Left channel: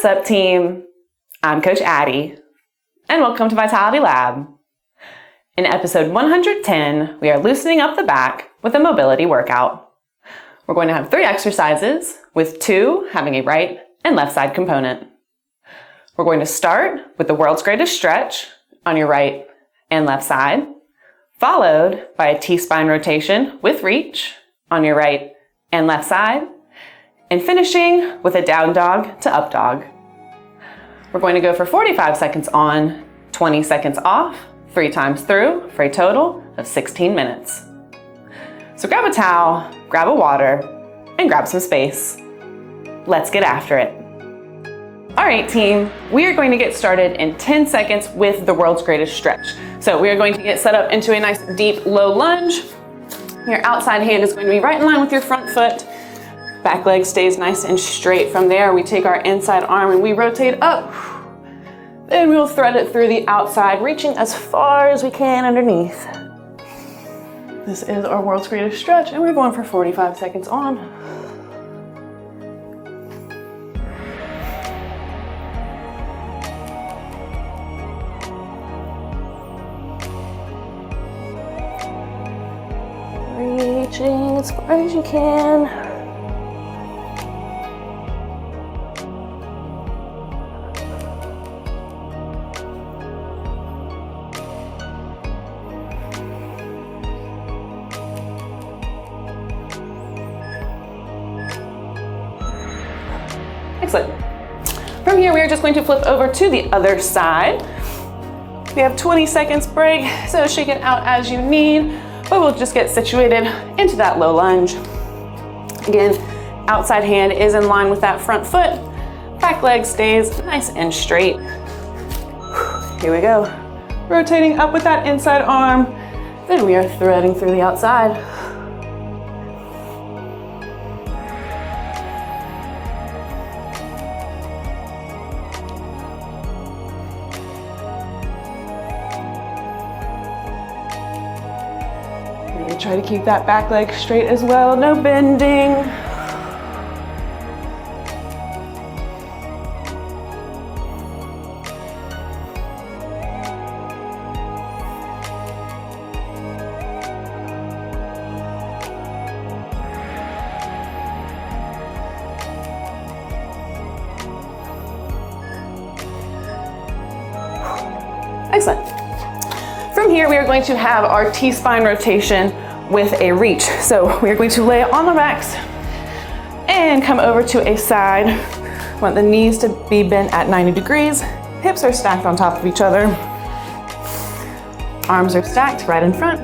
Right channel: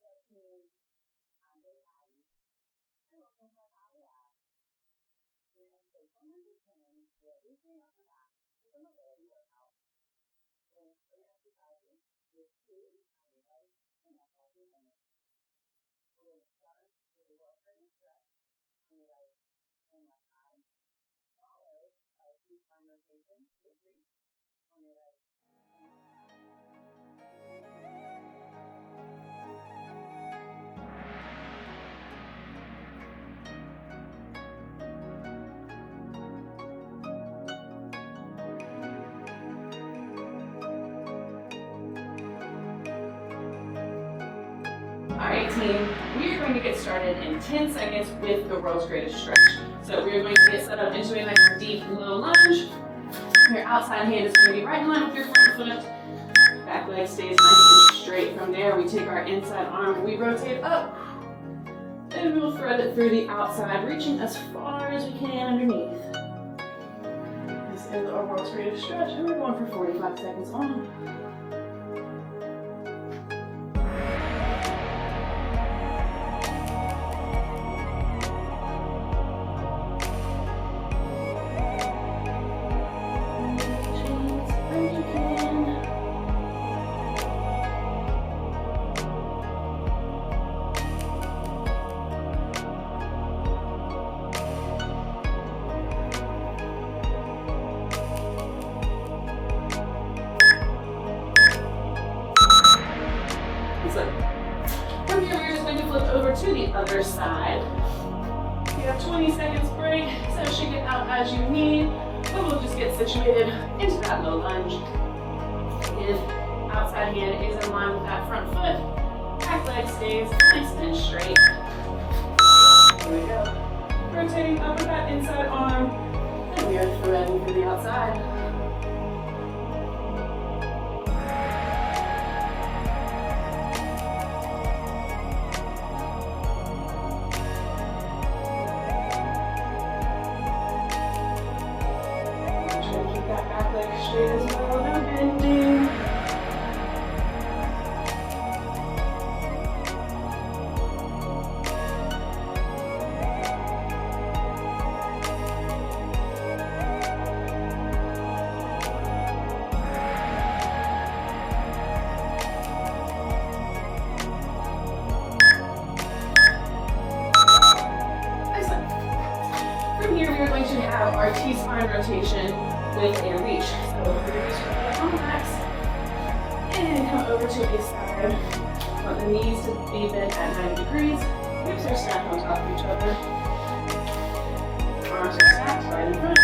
What's up, team? I'm Coach Addie, and welcome to Vitality Lab. In episode 110, we are loosening up the back with a mobility workout. We're going to have 3 exercises, with 2 having a right and left side component. We're going to start with the world's greatest stretch on your right and left side, followed by a T-spine rotation with reach on your right and left side, and finishing with a down dog to up dog. We're going to go for 45 seconds on, 20 seconds off, 3 times through for a total of 16 minutes. So grab a towel, grab a water, and grab some space. Let's get after it. All right, team, we are going to get started in 10 seconds with the world's greatest stretch. So we are going to get set up into a nice deep low lunge. Your outside hand is going to be right in line with your front foot. Back leg stays nice and straight. From there, we take our inside arm and we rotate up. Then we will thread it through the outside, reaching as far as we can underneath. This is our world's greatest stretch, and we're going for 45 seconds on. Reaching as far as you can. Excellent. From here, we are just going to flip over to the other side. We have 20 seconds break, so shake it out as you need, but we'll just get situated into that low lunge. Again, outside hand is in line with that front foot. Back leg stays nice and straight. Here we go. Rotating up with that inside arm. Then we are threading through the outside. Try to keep that back leg straight as well, no bending. Excellent. From here, we are going to have our T-spine rotation with a reach. So we're going to lay on the backs and come over to a side. Want the knees to be bent at 90 degrees. Hips are stacked on top of each other. Arms are stacked right in front.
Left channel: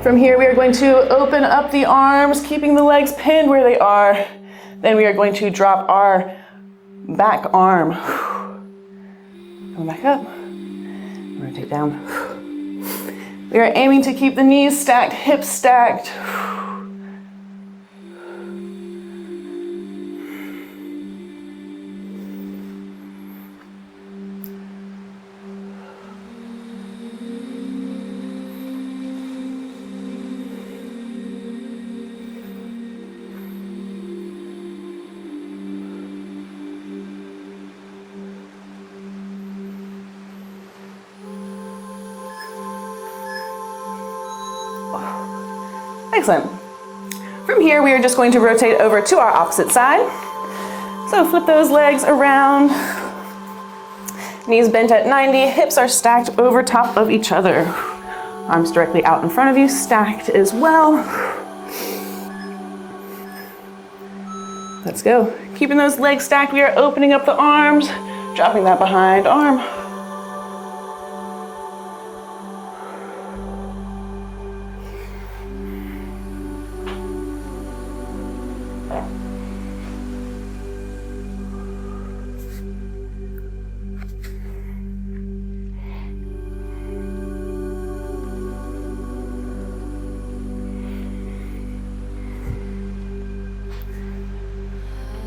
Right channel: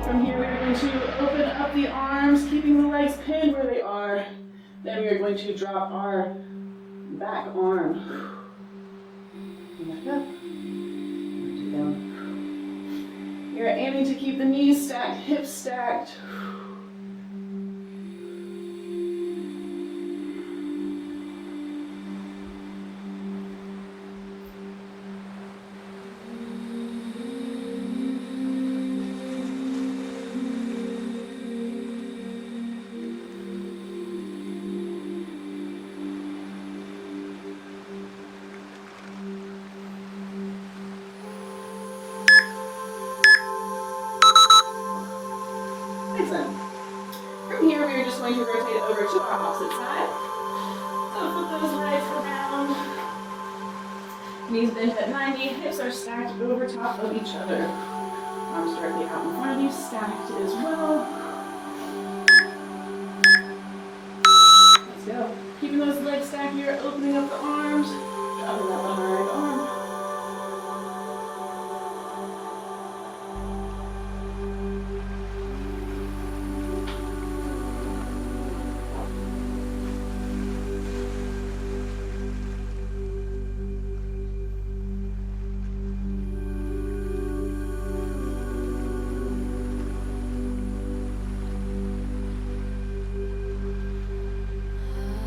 From here, we are going to open up the arms, keeping the legs pinned where they are. Then we are going to drop our back arm. Come back up, rotate down. We are aiming to keep the knees stacked, hips stacked. Excellent. From here, we are just going to rotate over to our opposite side. So flip those legs around. Knees bent at 90, hips are stacked over top of each other. Arms directly out in front of you, stacked as well. Let's go. Keeping those legs stacked, we are opening up the arms, dropping that behind arm.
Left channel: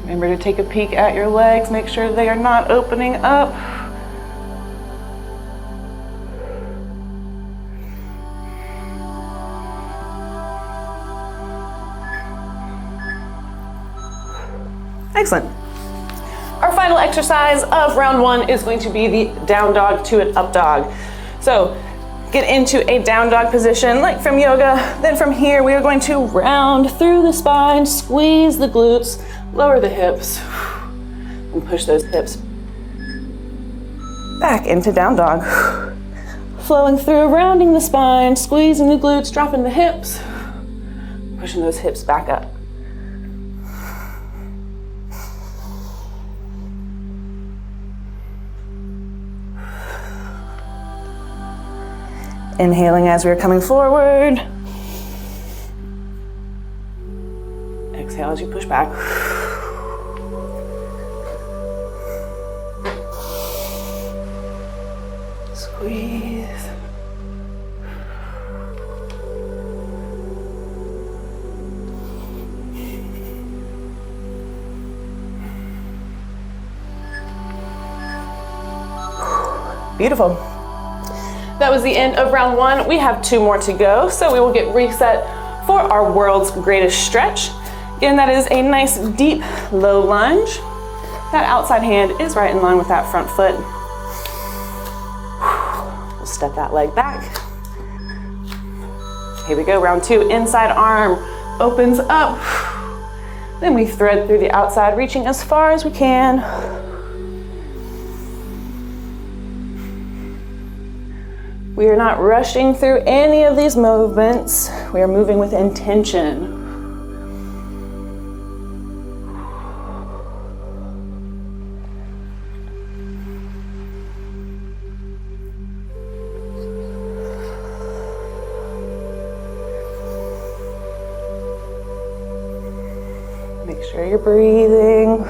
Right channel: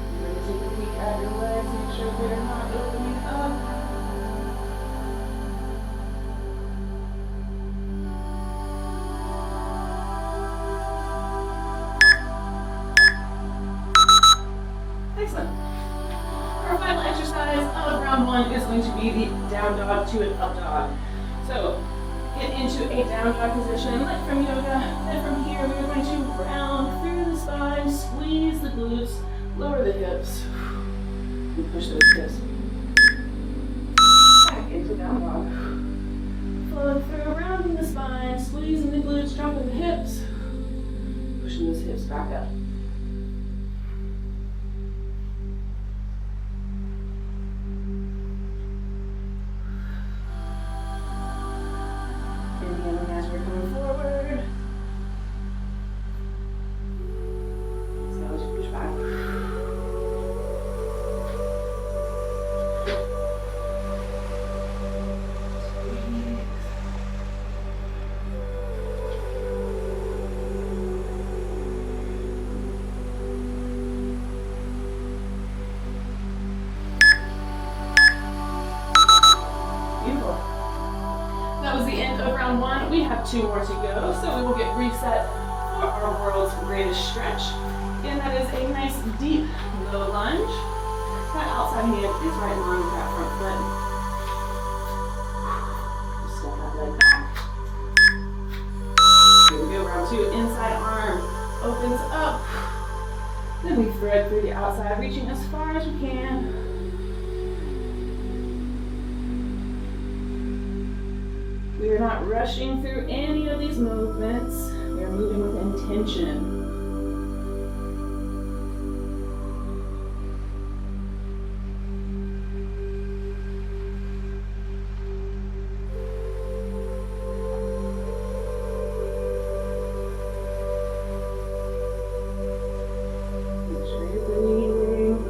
Remember to take a peek at your legs, make sure they are not opening up. Excellent. final exercise of round one is going to be the down dog to an up dog. So get into a down dog position like from yoga. Then from here, we are going to round through the spine, squeeze the glutes, lower the hips, and push those hips back into down dog. Flowing through, rounding the spine, squeezing the glutes, dropping the hips, pushing those hips back up. Inhaling as we're coming forward. Exhale as you push back. Squeeze. Beautiful. That was the end of round one. We have 2 more to go, so we will get reset for our world's greatest stretch. Again, that is a nice deep low lunge. That outside hand is right in line with that front foot. We'll step that leg back. Here we go, round 2, inside arm opens up. Then we thread through the outside, reaching as far as we can. We are not rushing through any of these movements. We are moving with intention. Make sure you're breathing.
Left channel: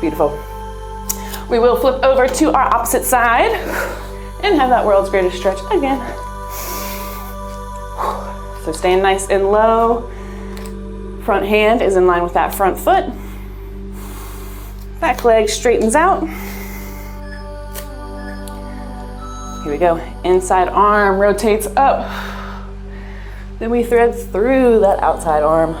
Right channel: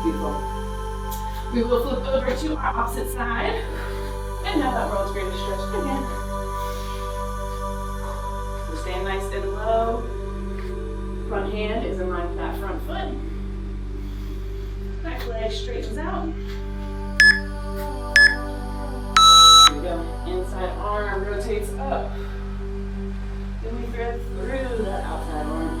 Beautiful. We will flip over to our opposite side and have that world's greatest stretch again. So staying nice and low. Front hand is in line with that front foot. Back leg straightens out. Here we go. Inside arm rotates up. Then we thread through that outside arm.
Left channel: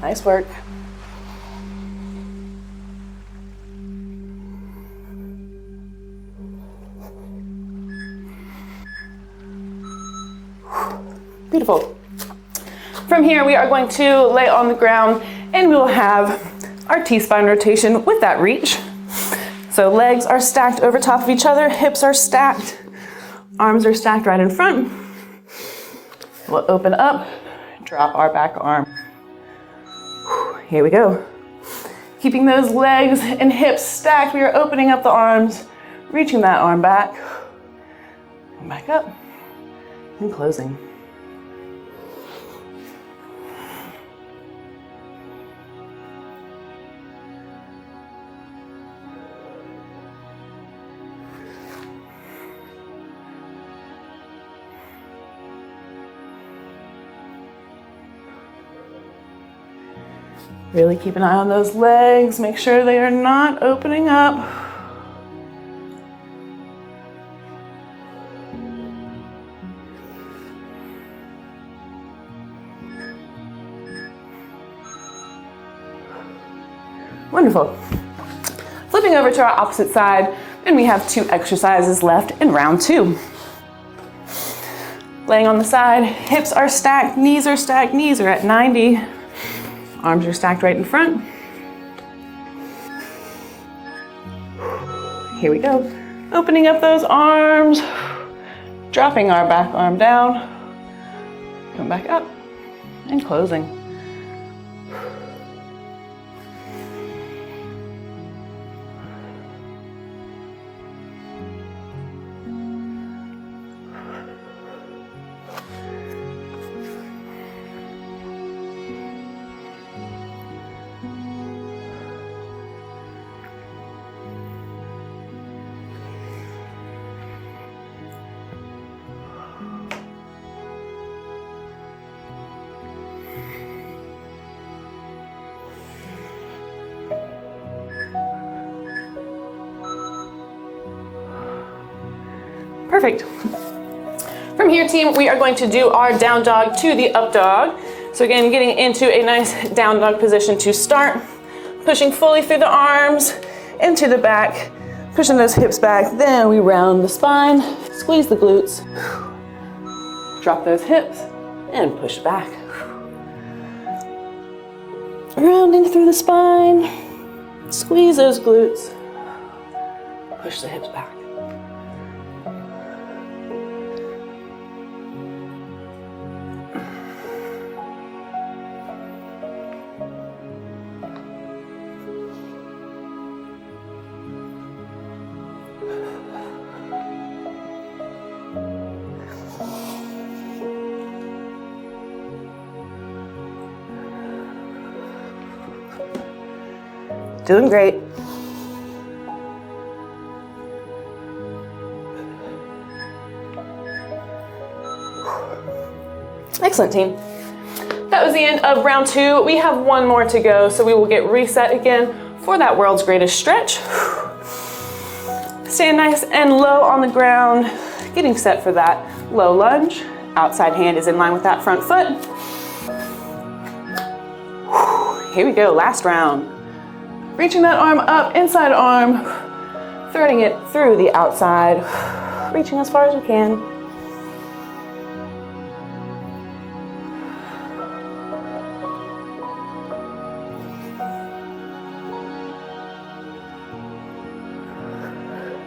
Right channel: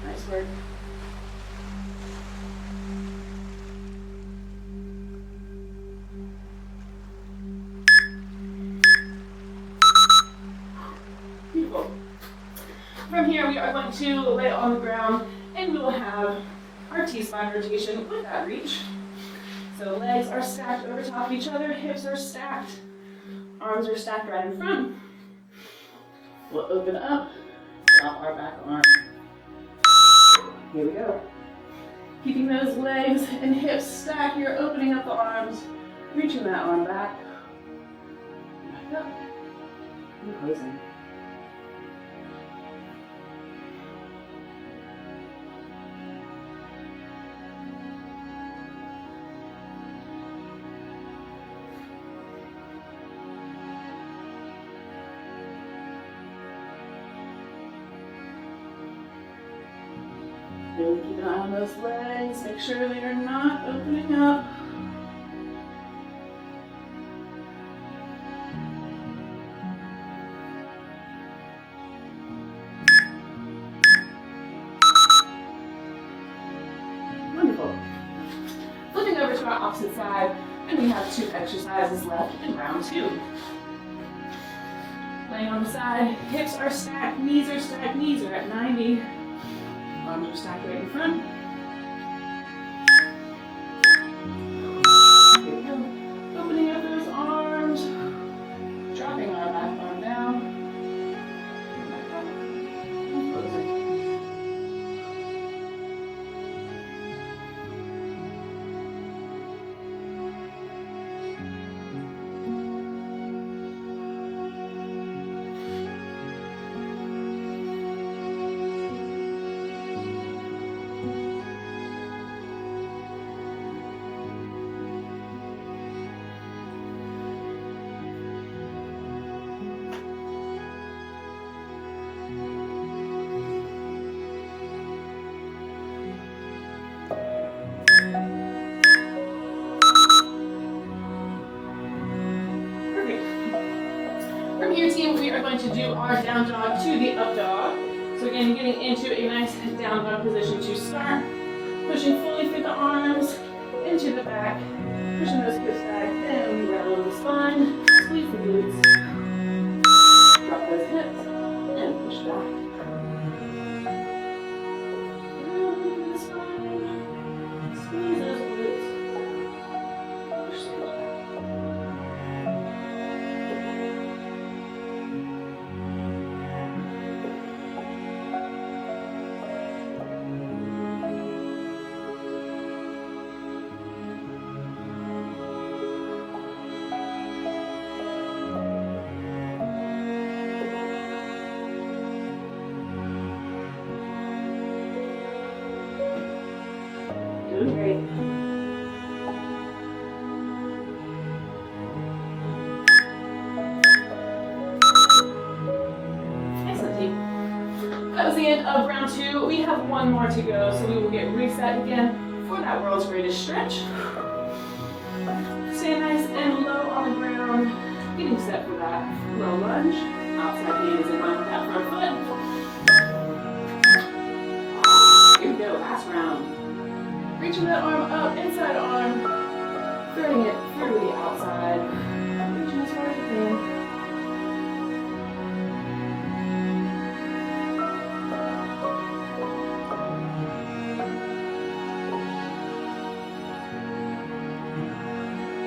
Nice work. Beautiful. From here, we are going to lay on the ground and we will have our T-spine rotation with that reach. So legs are stacked over top of each other, hips are stacked, arms are stacked right in front. We'll open up, drop our back arm. Here we go. Keeping those legs and hips stacked, we are opening up the arms, reaching that arm back, and back up, and closing. Really keep an eye on those legs. Make sure they are not opening up. Wonderful. Flipping over to our opposite side, and we have 2 exercises left in round 2. Laying on the side, hips are stacked, knees are at 90. Arms are stacked right in front. Here we go. Opening up those arms, dropping our back arm down, come back up, and closing. Perfect. From here, team, we are going to do our down dog to the up dog. So again, getting into a nice down dog position to start, pushing fully through the arms, into the back, pushing those hips back. Then we round the spine, squeeze the glutes, drop those hips, and push back. Rounding through the spine, squeeze those glutes, push the hips back. Doing great. Excellent, team. That was the end of round 2. We have one more to go, so we will get reset again for that world's greatest stretch. Stand nice and low on the ground, getting set for that low lunge. Outside hand is in line with that front foot. Here we go, last round. Reaching that arm up, inside arm, threading it through the outside, reaching as far as you can.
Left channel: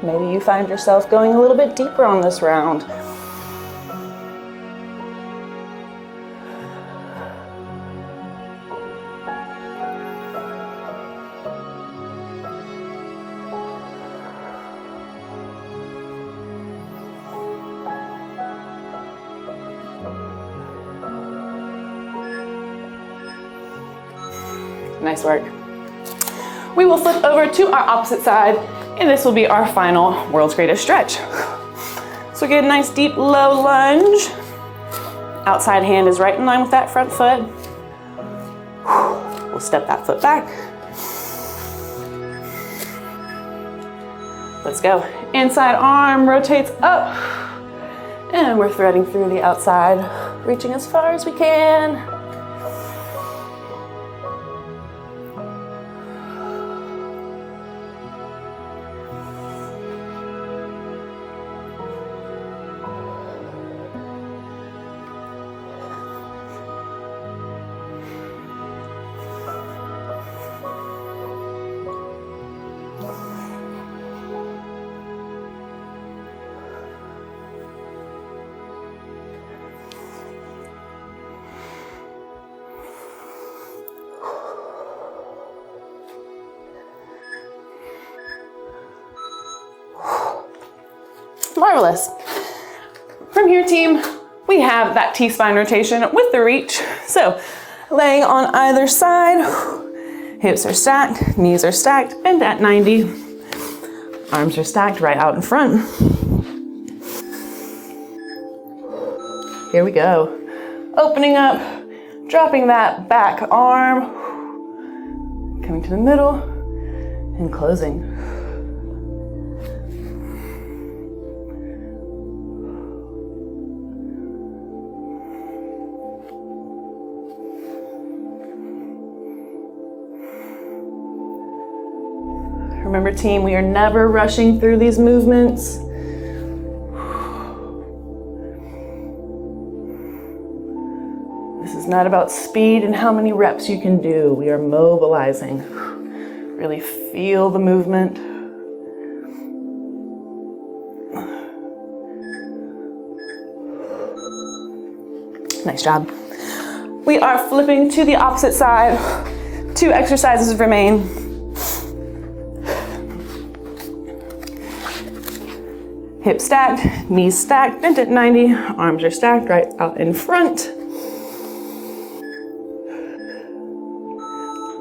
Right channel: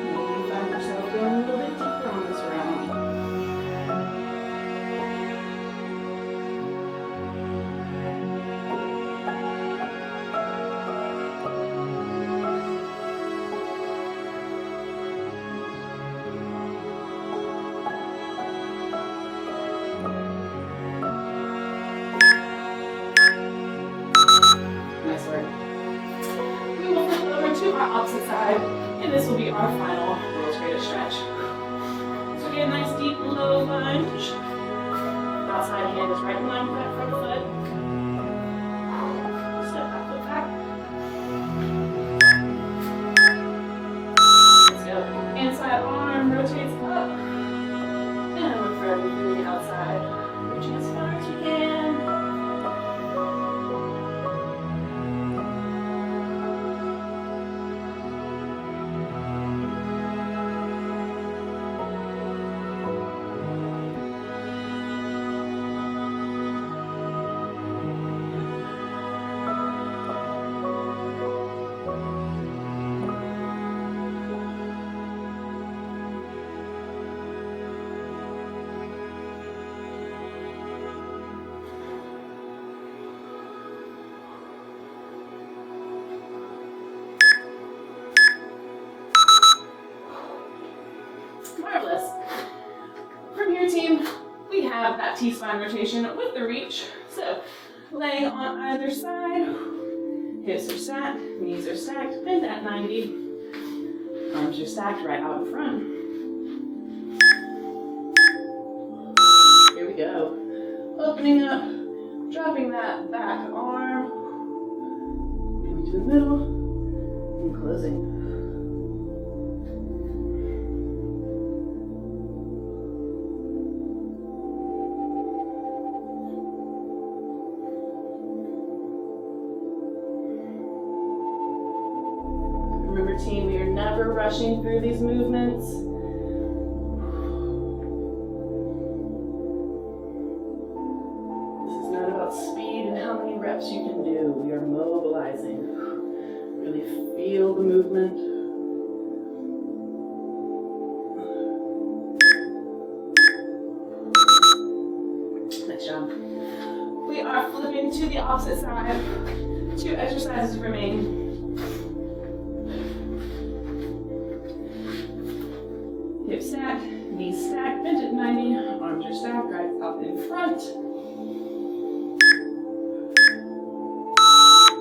Maybe you find yourself going a little bit deeper on this round. Nice work. We will flip over to our opposite side, and this will be our final world's greatest stretch. So get a nice deep low lunge. Outside hand is right in line with that front foot. We'll step that foot back. Let's go. Inside arm rotates up, and we're threading through the outside, reaching as far as we can. Marvelous. From here, team, we have that T-spine rotation with the reach. So laying on either side, hips are stacked, knees are stacked, bent at 90. Arms are stacked right out in front. Here we go. Opening up, dropping that back arm, coming to the middle, and closing. Remember, team, we are never rushing through these movements. This is not about speed and how many reps you can do. We are mobilizing. Really feel the movement. Nice job. We are flipping to the opposite side. 2 exercises remain. Hips stacked, knees stacked, bent at 90, arms are stacked right out in front.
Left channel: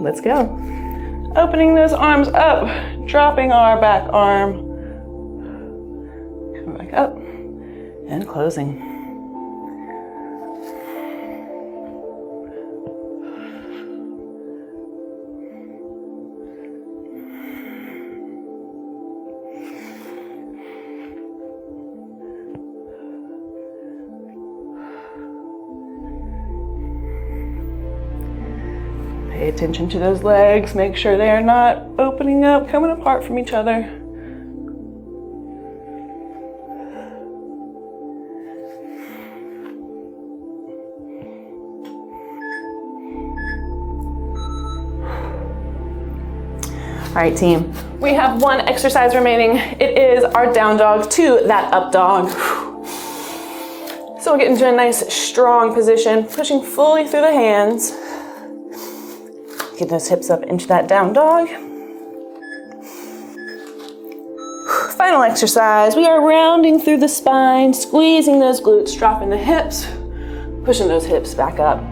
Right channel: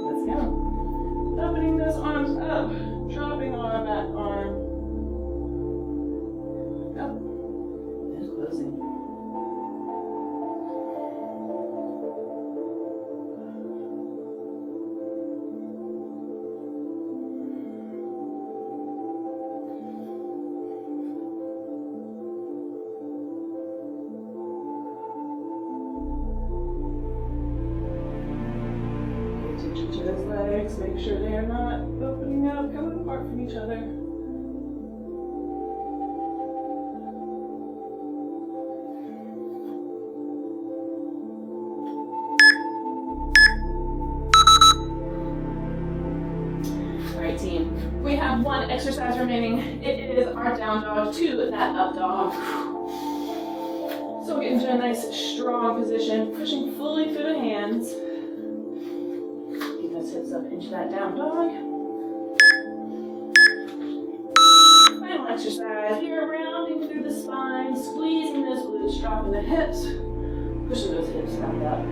Let's go. Opening those arms up, dropping our back arm, coming back up, and closing. Pay attention to those legs. Make sure they are not opening up, coming apart from each other. All right, team, we have one exercise remaining. It is our down dog to that up dog. So we'll get into a nice strong position, pushing fully through the hands. Get those hips up into that down dog. Final exercise, we are rounding through the spine, squeezing those glutes, dropping the hips, pushing those hips back up.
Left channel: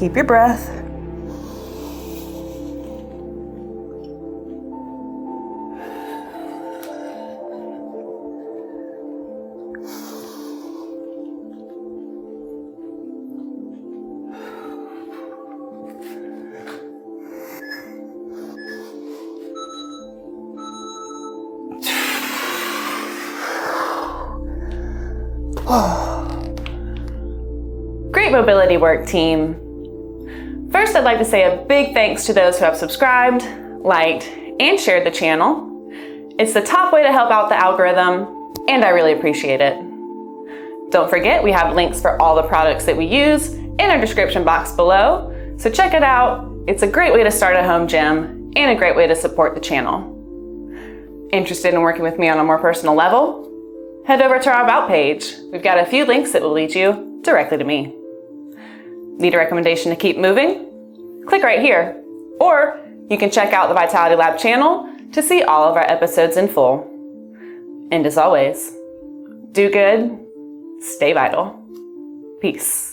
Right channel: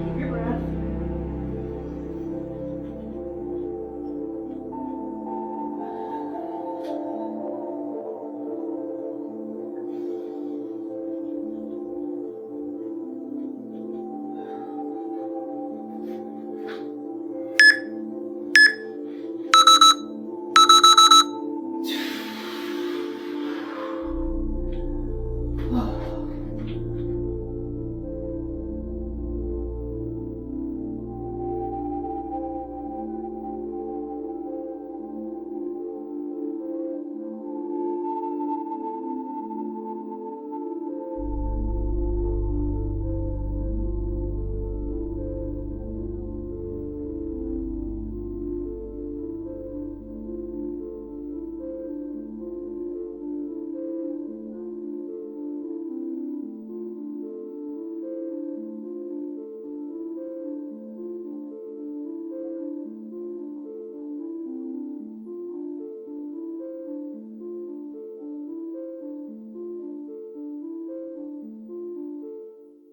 Keep your breath. Great mobility work, team. First, I'd like to say a big thanks to those who have subscribed, liked, and shared the channel. It's the top way to help out the algorithm, and I really appreciate it. Don't forget, we have links for all the products that we use in our description box below, so check it out. It's a great way to start a home gym and a great way to support the channel. Interested in working with me on a more personal level? Head over to our About page. We've got a few links that will lead you directly to me. Need a recommendation to keep moving? Click right here. Or you can check out the Vitality Lab channel to see all of our episodes in full. And as always, do good, stay vital. Peace.